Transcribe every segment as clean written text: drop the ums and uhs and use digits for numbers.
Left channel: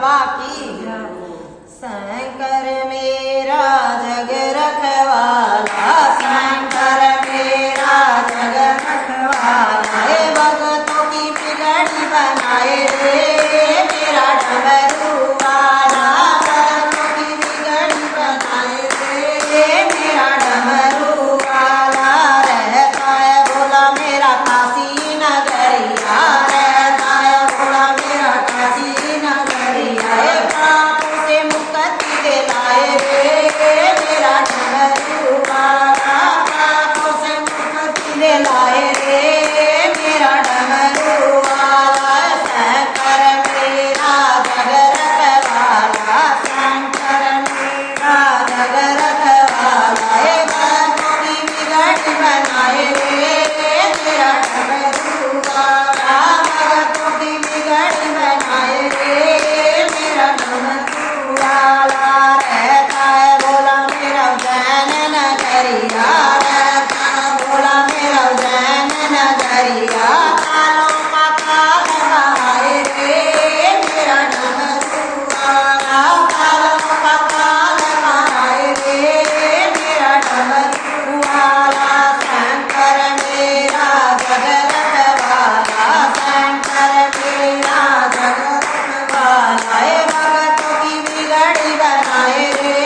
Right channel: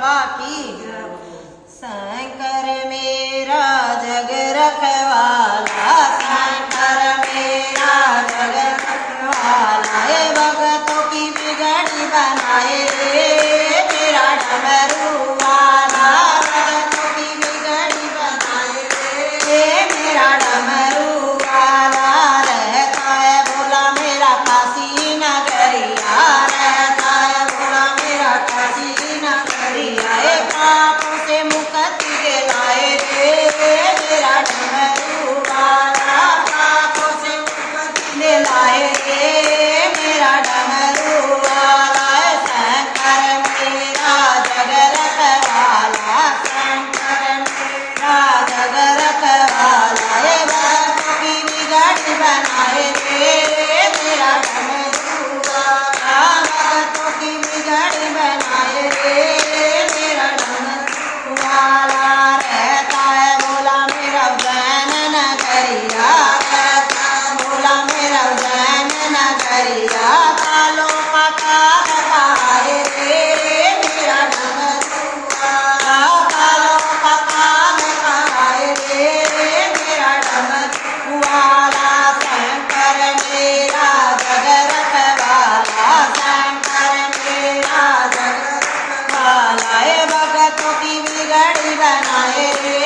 बाबा की शंकर मेरा जग रखवाला, शंकर मेरा जग रखवाला, भगतों की बिगड़ी बनाए रे मेरा डमरू वाला, भगतों की बिगड़ी बनाए रे मेरा डमरू वाला। रहता है बोला मेरा काशी नगरिया, रहता है बोला मेरा काशी नगरिया, पापों से मुक्ति दिलाए रे मेरा डमरू वाला, पापों से मुक्ति दिलाए रे मेरा डमरू वाला। शंकर मेरा जग रखवाला, शंकर मेरा जग रखवाला, भक्तों की बिगड़ी बनाए रे मेरा डमरू वाला, भक्तों की बिगड़ी बनाए रे मेरा डमरू वाला। रहता है बोला मेरा उज्जैन नगरिया, रहता है बोला मेरा उज्जैन नगरिया, कालों का काल बहाए रे मेरा डमरू वाला, कालों का काल बहाए रे मेरा डमरू वाला। शंकर मेरा जग रखवाला, शंकर मेरा जग रखवाला, भगतों की बिगड़ी बनाए रे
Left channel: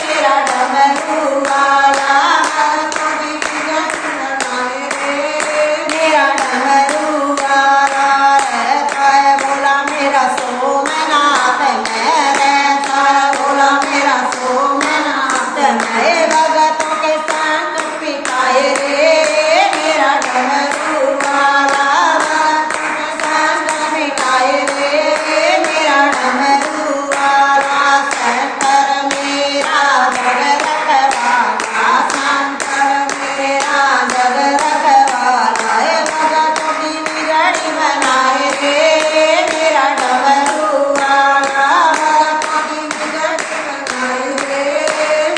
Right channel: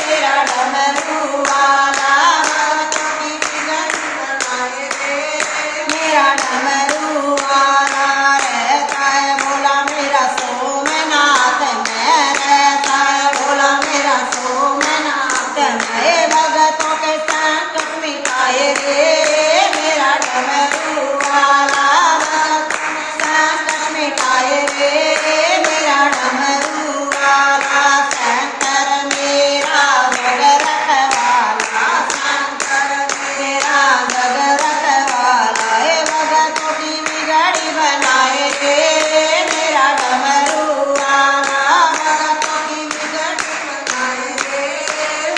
मेरा डमरू वाला, भगतों की बिगड़ी बनाए रे मेरा डमरू वाला। रहता है बोला मेरा सोमनाथ में, रहता है बोला मेरा सोमनाथ में, भगतों के संकट मिटाए रे मेरा डमरू वाला, भगतों के संकट मिटाए रे मेरा डमरू वाला। शंकर मेरा जग रखवाला, शंकर मेरा जग रखवाला, भगतों की बिगड़ी बनाए रे मेरा डमरू वाला, भगतों की बिगड़ी बनाए रे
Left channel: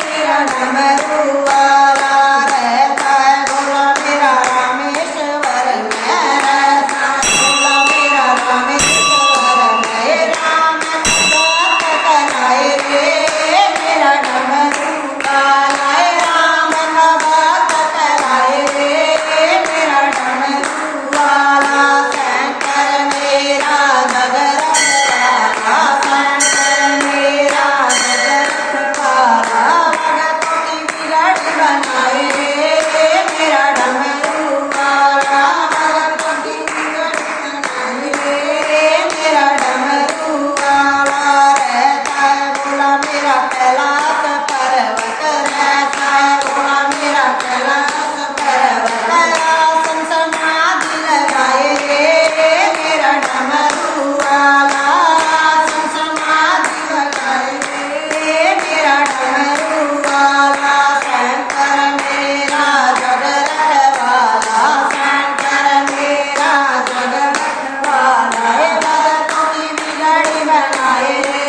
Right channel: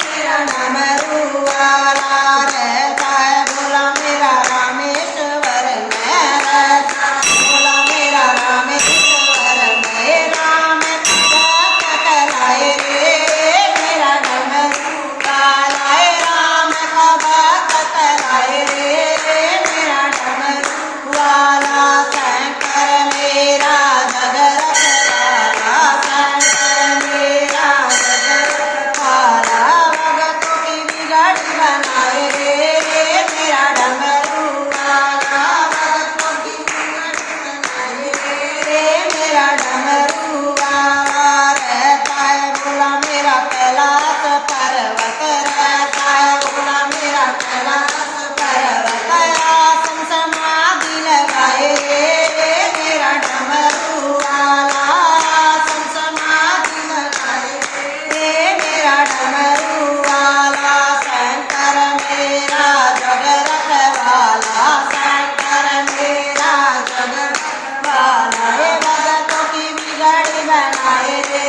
मेरा डमरू वाला। रहता है बोला मेरा रामेश्वर में, रहता है बोला मेरा रामेश्वर में, राम भक्त कराए रे मेरा डमरू वाला, राम भक्त कराए रे मेरा डमरू वाला। शंकर मेरा जग रखवाला, शंकर मेरा जग रखवाला, भगतों की बिगड़ी बनाए रे मेरा डमरू वाला, भगतों की बिगड़ी बनाए रे मेरा डमरू वाला। रहता है बोला मेरा कैलाश पर्वत, रहता है बोला मेरा कैलाश पर्वत, आसन समाधि लगाए रे मेरा डमरू वाला, आसन समाधि लगाए रे मेरा डमरू वाला। शंकर मेरा जग रखवाला, शंकर मेरा जग रखवाला, भगतों की बिगड़ी बनाए रे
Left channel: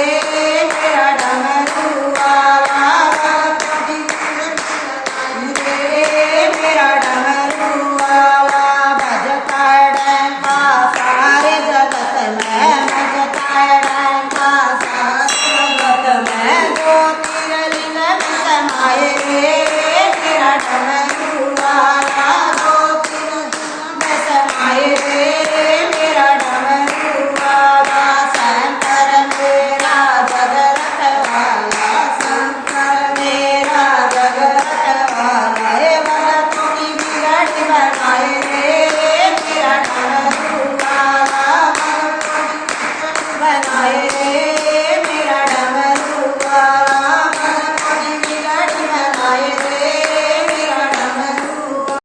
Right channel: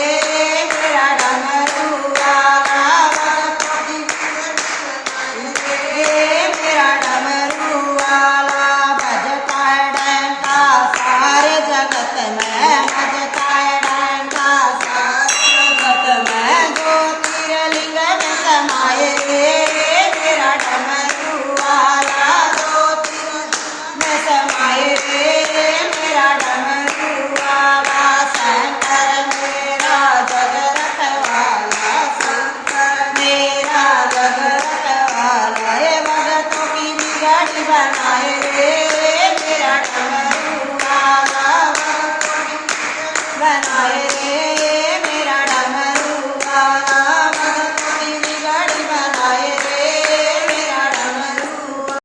मेरा डमरू वाला, भगतों की बिगड़ी बनाए रे मेरा डमरू वाला। बजता है डंका सारे जगत में, बजता है डंका सारे जगत में, ज्योतिर्लिंग में समाए रे मेरा डमरू वाला, ज्योतिर्लिंग में समाए रे मेरा डमरू वाला। शंकर मेरा जग रखवाला, शंकर मेरा जग रखवाला, भगतों की बिगड़ी बना